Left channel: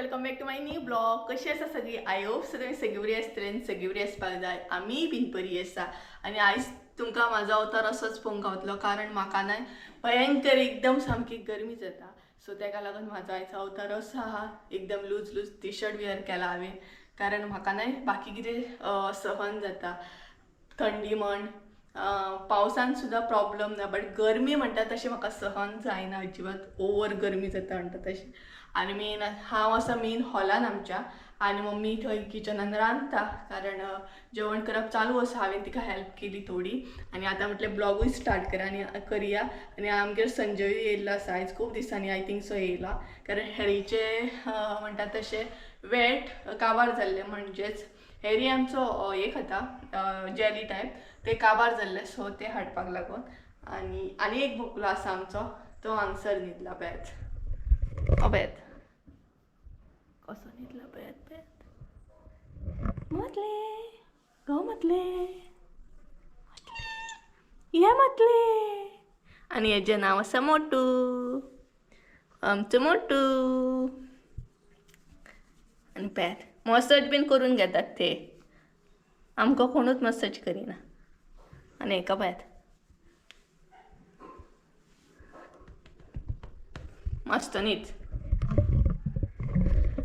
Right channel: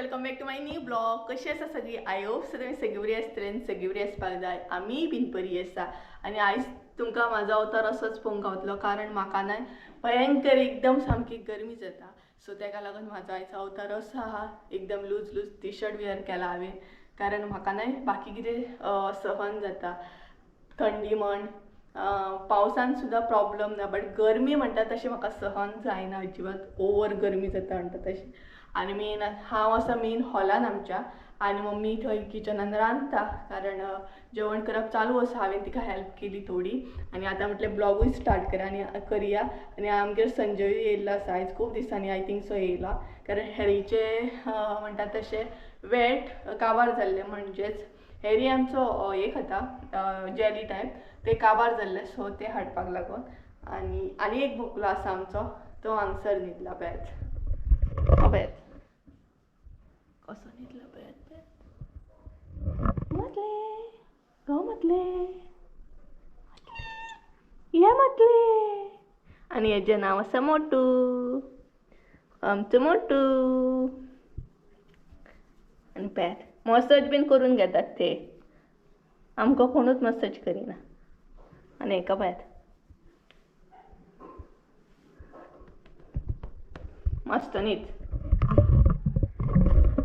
Welcome back to my new blog. कशी आसा सगळी? आय होप सो तुमी सगळी बरी आसतली, सगळी बरी आसपाक जाय. आमी बीन बरी आसा. आणि आयज तुमकां म्हाजो अवतार असोच पळोवंक गावतलो, कारण म्हाका न्हय भयंकर एकदम सामकी गरमी जाता. सो तेका लागून म्हाजो आयचो अवतार असो आहा. एकदम loose loose T shirt wear केला हांवें, कारण म्हाका न्हय बाकी कितें सहन जाता. थंडी म्हण पावसान सुद्धा प्रॉब्लेम ना, बट गरमी म्हणटा तशी म्हाका सहन जायना अजिबात. ओवर गरमी जाता म्हणटा तशी. आणि मेन हांव आसा मेन हॉलान आमच्या, आनी मम्मी थंय किचनान रांदता, कारण जेवण करप चालू आसा. हांवें तिका हेल्प केली थोडी, आनी आतां म्हटलें ब्लॉगूय स्टार्ट करुया. आनी आमगेर संजय येयल्लो आसा आयज, खूब दिसांनी आय थिंक सो येयला, कारण हेरीचे म्हणटा तशें वेट काबार जाल्ले. म्हणजेच हेरी आमचो एक खाता जेली टायप, ते काबार जाल्ले, सो ते हाडपाक लागून. आनी एक बुकलो आसा आमचो, तो हांगसर न्हिदला बेत बेत कसो न्हिदला बेत मतले गो मतले या मतले. आनी हेजें नांव आसा मोटू, आमचो मोटू. आनी पळयात मसाज बीन करून घेतात ते, आमकां कोणूच मसाज करिना. आनी हेका पळयात मस्त न्हीद.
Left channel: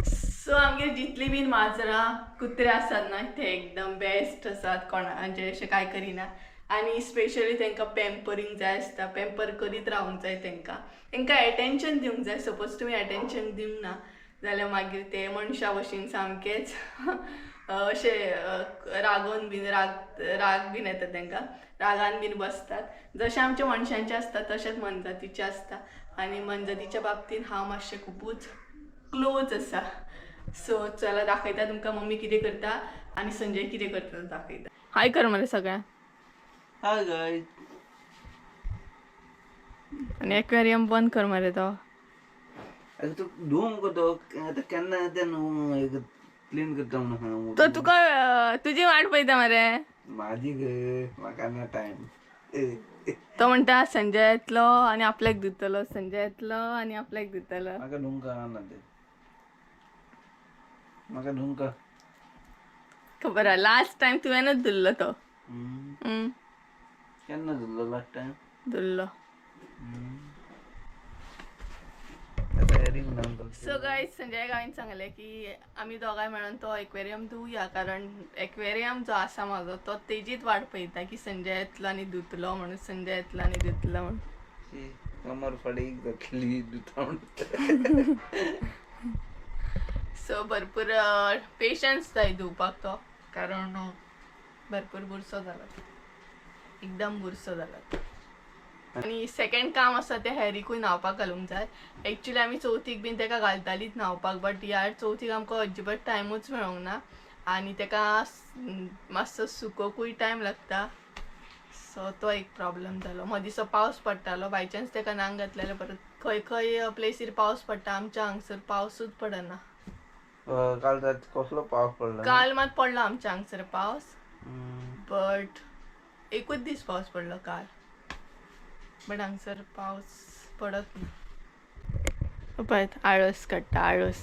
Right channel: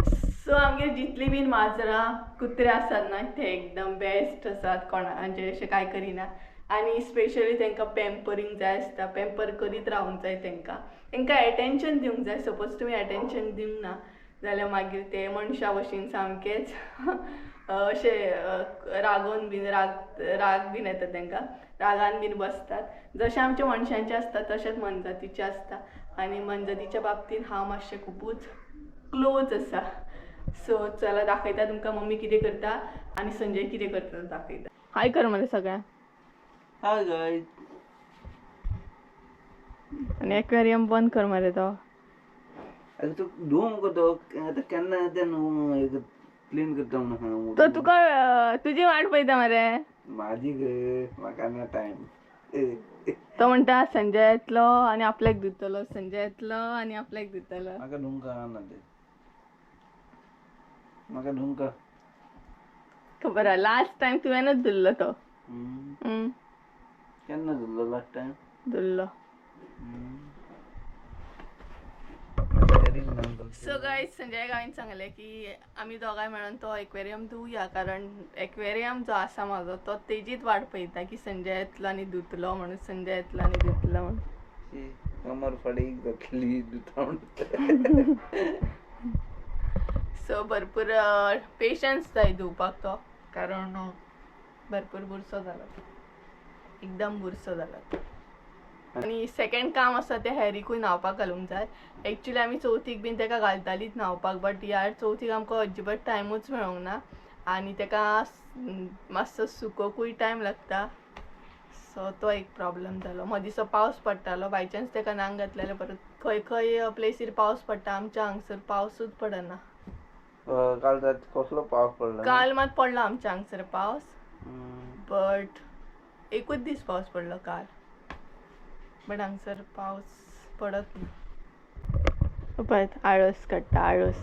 सो आमगे जितली बीन माजरां कुत्रे आसात ना, ते एकदम बेस्ट आसात. म्हणजे अशें कांय करिना. आनी स्पेशली तांकां पॅम्परींग जाय आसता, पॅम्पर करीत रावूंक जाय. तांकां एटेन्शन दिवंक जाय. सपोज तुमी एटेन्शन दिवंक ना जाल्यार मागीर ते मनशा भशेन सामकेच अशें रागोवन बीन राग बीन येता तांकां, रागान बीन बसतात. जशें आमच्या मनशांचे आसता तशेंच मनजातीचे आसता. आनी मनजातीच्या बाबतींत हांव मातशें खुबूच क्लोज आसा. सो चला दाखयता तुमकां मम्मी कितें करता आनी संजय कितें करता दाखयता. हाय कर मरे सगळ्यांक. Hi guys. आनी एक्वेरियम बंद कर मरे तो. अरे तू धुवून करतो आता, केन्ना तें क्लीन करता म्हणून तो तुका तुजी वाट पळयता मरे. माझी गे, म्हाका ना टाइम. तो म्हणटा संजय येतलो आनी आपल्याक दितलो, संजय येतलो आनी आपल्याक दितलो. म्हाका धुवंक ना ते, म्हाका धुवंक खबर आहा लास्ट टाइम तुवेंच धुल्लो तो. केन्ना धुल्लो लास्ट टाइम? धुल्लो. सो गायज संजय गांवीन सांगलें की आमी दोगांय मेळून तो एक्वेरियम धुवया, कारण एक्वेरियम जो आसा म्हाजो तो तेजीच वाट पळयता की संजय येतलो आनी धुतलो म्हणून, संजय येतलो आनी धुतलो म्हणून. कमर फडीक जातली धुता म्हणून. सो भरपूर पेशन्स जाय धुवपाक तो, कारण भरपूर बुरसो जाला, एकदम बुरसो जाला. आनी सेकेंड काम आसा तें हेरीकूय न्हावपाक घालूंक जाय. एक्चुली आमी चवथीक बीन तेका घालतालीच न्हावपाक, बट ह्या चवथीक आमकां अजिबात टायमूच मेळोंक ना, आनी तेका मातसो सुकोवंकूय टायम लागता. सो तो एक प्रॉब्लेम जालो. मदींचो पावस पडटालो, बाय चान्स तेका न्हांग घातलें जाल्यार परत खंय खंय प्लेसीर पावस पडटा, आमच्या हांगसर पावसूच पडना. काल कसलो पावस पडला? काल मात पडलो आमच्या हांगसर पावस, बट एकूच दीस पावस पडलो काल, बट हांगसर पावस पडत ना. पळयत आळस काडटा आळस.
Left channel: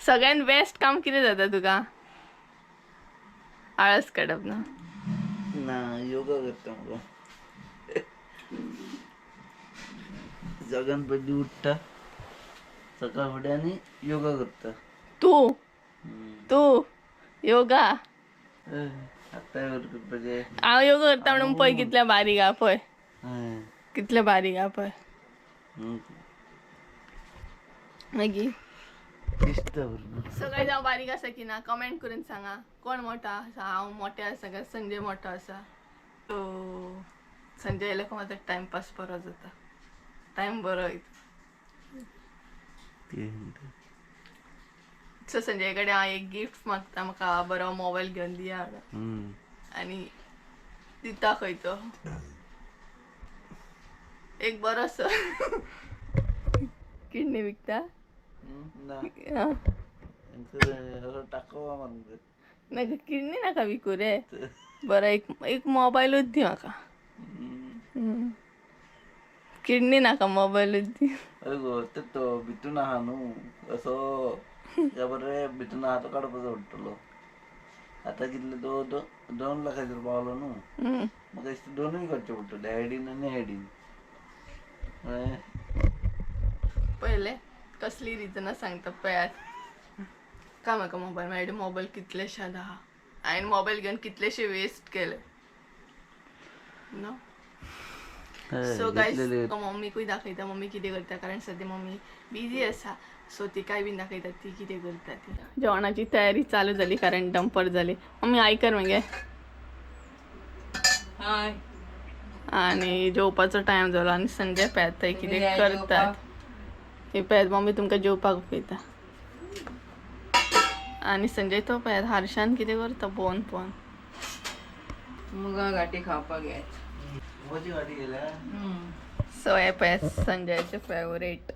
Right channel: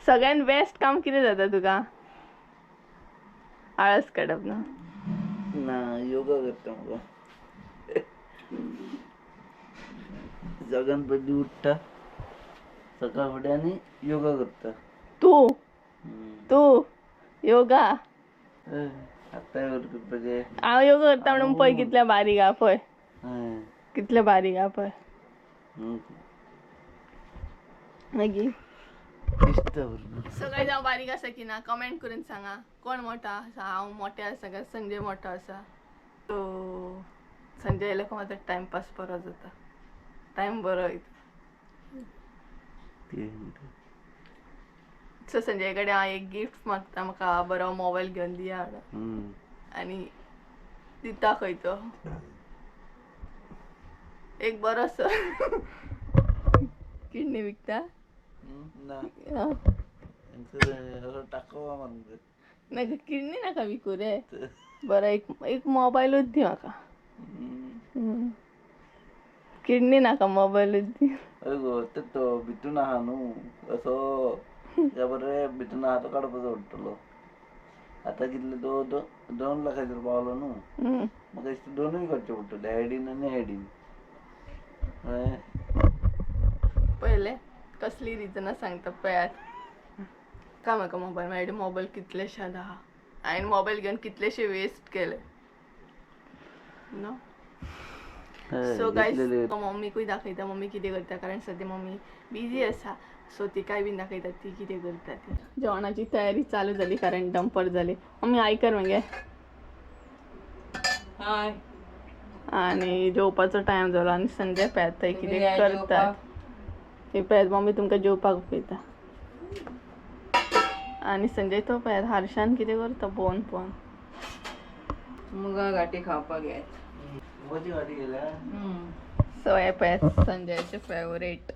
सगळ्यान बेस्ट काम कितें जाता तुका? आळस काडप ना? ना, योगा करता म्हाका. सगळ्यान पयलीं उठ्ठा सकाळ फुडें आनी योगा करता. तू योगा? आतां करपाचें. हांव योगा करता म्हणून पळय कितले बारीक आहा पळय, कितले बारीक आहा पळय. मागीर सगळे जावं बारीक आसा की ना कमेंट करून सांगा. कोण मोठो आसा? हांव मोठे आसा काय संजय मोठो आसा? तो संजय येयलो की म्हाजो टायमपास बरो जाता, टायम बरो वयता. सो संजय कडेन हांव एक गिफ्ट मागता, म्हाका बरो मोबायल घेवन दिया म्हणून. आनी दिता खंय तो एक बरोसो. किडनी विकता? नाका किडनी नाका विकू रे, बरो एक मोबायलूच दी म्हाका. किडनी नाका, मोबायलूच दी. अरे गो ते तो भितून आहा न्हू असो त्या बरे भितून आहा तो काडपाचो पडटलो. आता कितले दोन लाखाचेर पावलो न्हू. म्हाका दिसता दोनूय करचे पडटले हेडीन आनी हेडीन. पहिले कसली रिजनां सांगता पळयात. का म्हाका मोबायल मेळ्ळो मोबायल कितलेशेच आहा हांवें मोबायल घेवन कितलेशे वेस्ट केले नो. सो गायज मम्मीकूय दाखयता मम्मी कितें करता कारण सद्या मम्मी बिजी आसा. सो तिकाय बीन दाखयता ती कितें करता ती. जेवणाची तयारी चालू जाली कारण डंपर जाली. मम्मी आयकर मगे हाय आणि जेवपाचो टायम जालो आनी संजय पळयात थंय कितें करतात. हे पळयात मम्मी तुमकां जेवपाक पळयता आणि संजय तो पळयात हारशान कितें करता पळोवन पळोवन. मुगा गाठी खावपाक येत. मुगाची गाठी गेल्या. सो हे पळयात संजयचे फेवरेट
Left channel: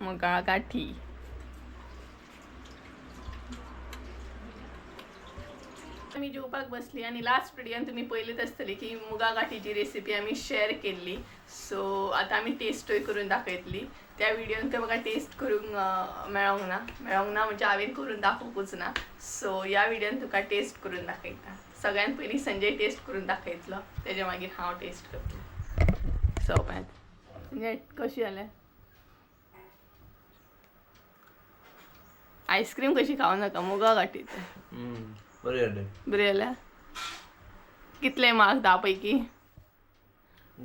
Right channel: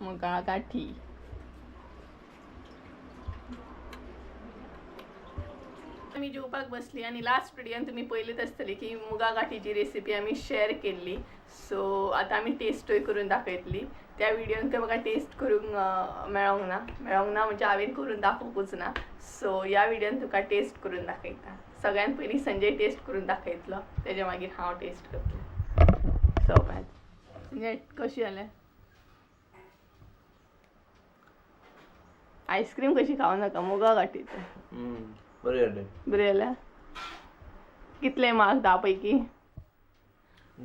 मुगा गाठी. आमी जेवपाक बसली आणि लास्ट व्हिडिओन तुम्ही पळयलीच आसतली की मुगा गाठीची रेसिपी आमी शेअर केल्ली. सो आतां आमी टेस्टूय करून दाखयतली. त्या व्हिडिओन म्हाका टेस्ट करूंक मेळोंक ना म्हणजे हांवें करून दाखोवंकूच ना. सो ह्या व्हिडिओन तुका टेस्ट करून दाखयता. सगळ्यात पयलीं संजय टेस्ट करून दाखयतलो तेज्या मागीर हांव टेस्ट करतलें. सो संजय कशी जालें आईस्क्रीम कशी खावं नाका मुगा गाठीचें बरें जालें. बरें जाल्या. कितले मार्क्स 10 पैकी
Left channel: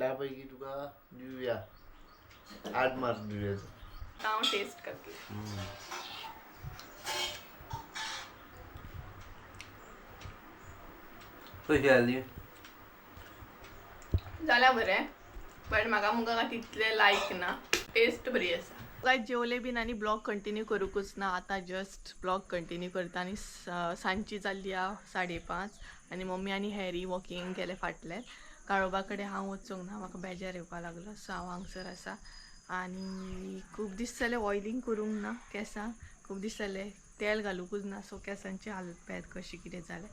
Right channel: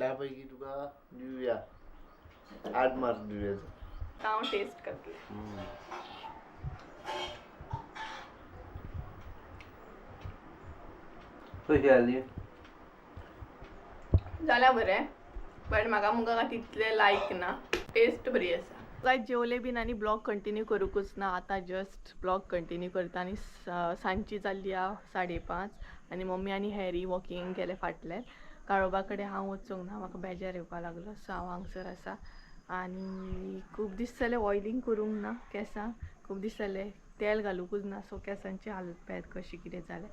10 पैकी तुका दिवया 8 मार्क दिवया. हांव टेस्ट करतलें. कशी जाली जाल्या बरें बट म्हाका मुगा गाठी तितले लायक ना. टेस्ट बरी आसा. काय जेवले बीन आनी ब्लॉग कंटिन्यू करूंकूच ना. आतां जस्ट ब्लॉग कंटिन्यू करता आनी सांजची जाल्ली 5:30 आनी मम्मी आनी हॅरी वॉकिंग गेले फाटल्यान. काळोबा कडेन हांव वचूंक ना म्हाका बेजार येवपाक लागलो. सो हांव हांगसर आसा आनी खूब दीस जाले ऑयलिंग करूंक ना केंसांक. खूब दीस जाले तेल घालूंकूच ना. सो केंसांची हालत पळयात कशी कितें जालें.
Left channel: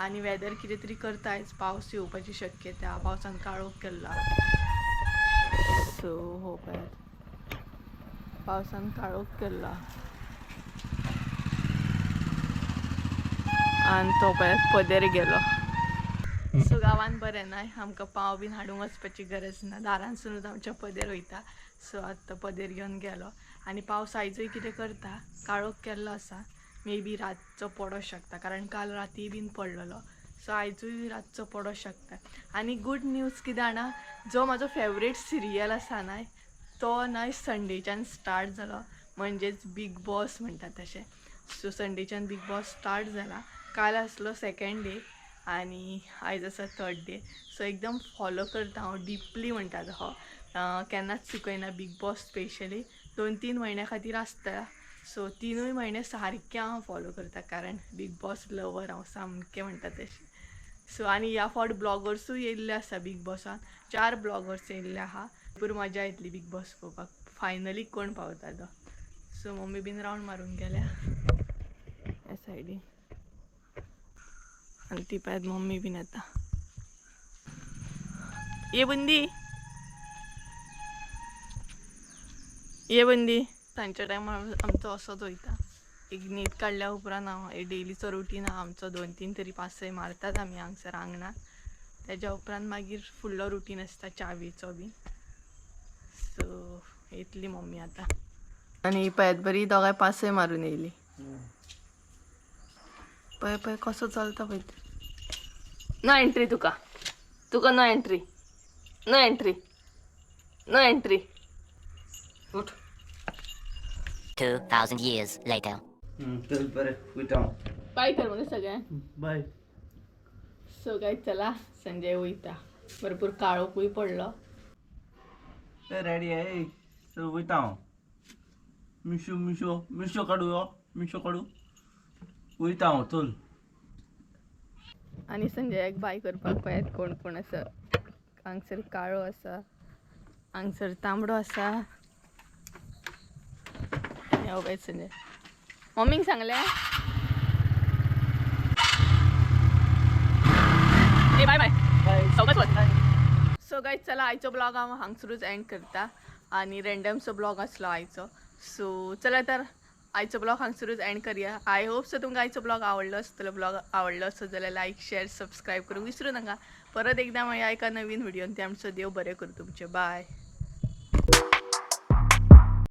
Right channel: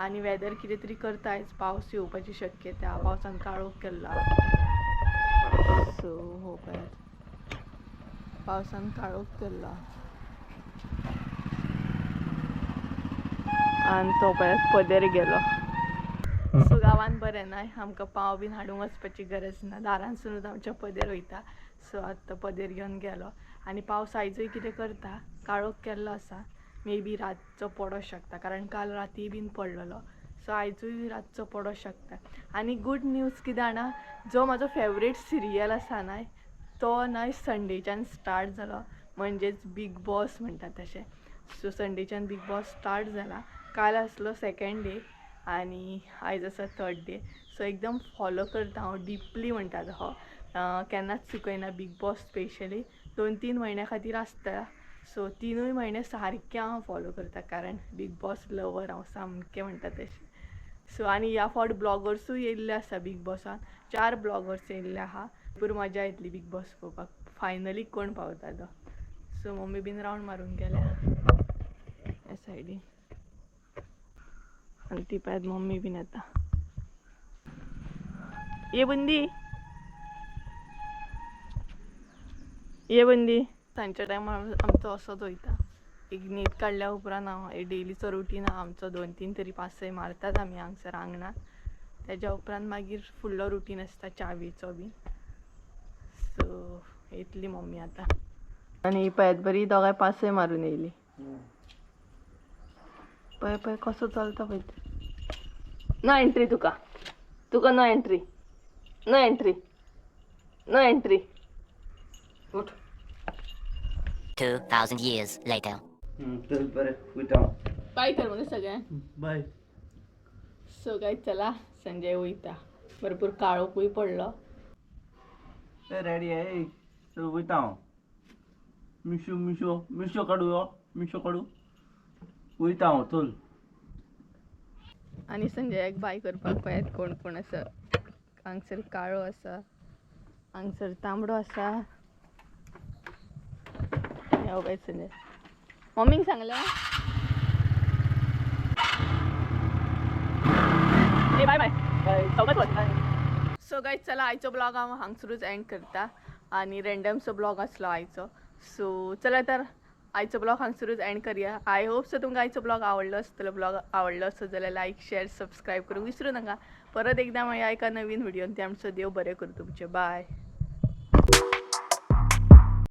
आनी वेदर कितें तरी करता आयज पावस येवपाची शक्यता. पावसान काळोख केल्लो. सो हो पळयात पावसान काळोख केल्लो आनी तो पळयात पदेर गेलो. सो गांवांत बरें ना आमकां पाव बीन हाडूंक वचपाची गरज ना. दारांतसूनच आमच्या पदेर वयता. सो आतां पदेर घेवन गेलो आनी पावस आयजूय कितें करता काळोख केल्लो आसा. मे बी रातचो पडो शकता कारण काल राती बीन पडलेलो. सो आयजूय रातचो पडो शकता. आनी गूड न्यूज कितें जाणा जो म्हाजो फेवरेट सिरियल आसा न्हय तो न्हय संडेच्यान स्टार्ट जालो म्हणजेच बीग बॉस म्हणटा तशें. सो संडेच्यान बीग बॉस स्टार्ट जाला. काल आसलो 2nd डे आनी आयज आसा 3rd डे. सो एकदम फॉलो करता हांव डिपली म्हणटा तो केन्नाच चुकयना बीग बॉस. स्पेशली 2-3 म्हयन्या खातीर आसता. सो 3 म्हयने सारकें हांव फॉलो करता कारण बीग बॉस लवर हांव सामकें म्हणटा तशें. सो आनी ह्या फावट ब्लॉगर्सूय येयल्ले आसा बीग बॉसान. 4 ब्लॉगर्स येयल्ले आहा. भरपूर मजा येतली बीग बॉस पळोवपाक. फायनली कोण पावता तो. सो मम्मी बीन रावंड मारूंक गेल्या ह्या सायडीन आनी ती पळयात मम्मी बीन येता. ये बुंदी ये बुंदी. सांजच्या टायमार आमचो असोच वयता. एक न्हीद काडल्या उपरांत हांव डेलीचो रुटीन आहा आमचो 2-3 तरी पासय मारतात आमी हांगसर आंगणात. तेज्या उपरांत मागीर फुडलो रुटीन आसता च्यावेचो बीन. सो येतली मम्मी आतां आनी पळयात बरी दोगांय पासय मारून येयली. पळय पळय कसो चलता पळय. नो एंट्री तुका no entry no entry no entry. उठ. 2,000 years later. चल बरें वयता. बाय कर मगे सगळ्यांक. बाय. सो काय चला संजय वयता. भरपूर काळोखूय पडलो. रेडी आहे चल वयता हांव. मिशो काडू वयता हांव चल. आनी संजयाक बाय करपाक पळयात कोण कोण आसा. हांगसर काळो आसा हांगसर तांबडो आसा. हो पळय संजय मम्मीक सांगलें बाय बाय. सो गायज चला आयचो ब्लॉग हांव हांगसरूच एंड करता. आणि रँडमचो ब्लॉग आसलो आयचो. सो चला तर आयचो ब्लॉग हांगसरूच एंड करूया. आय होप सो तुमकां आयचो ब्लॉग आवडलो आसतलो. ब्लॉग आवडलो आसत जाल्यार लायक शेअर सबस्क्राईब करूंक विसरू नका. परत एकदा मेळया एका नवीन व्हिडिओन. ते आमचो देव बरें करूं तुमचे. बाय.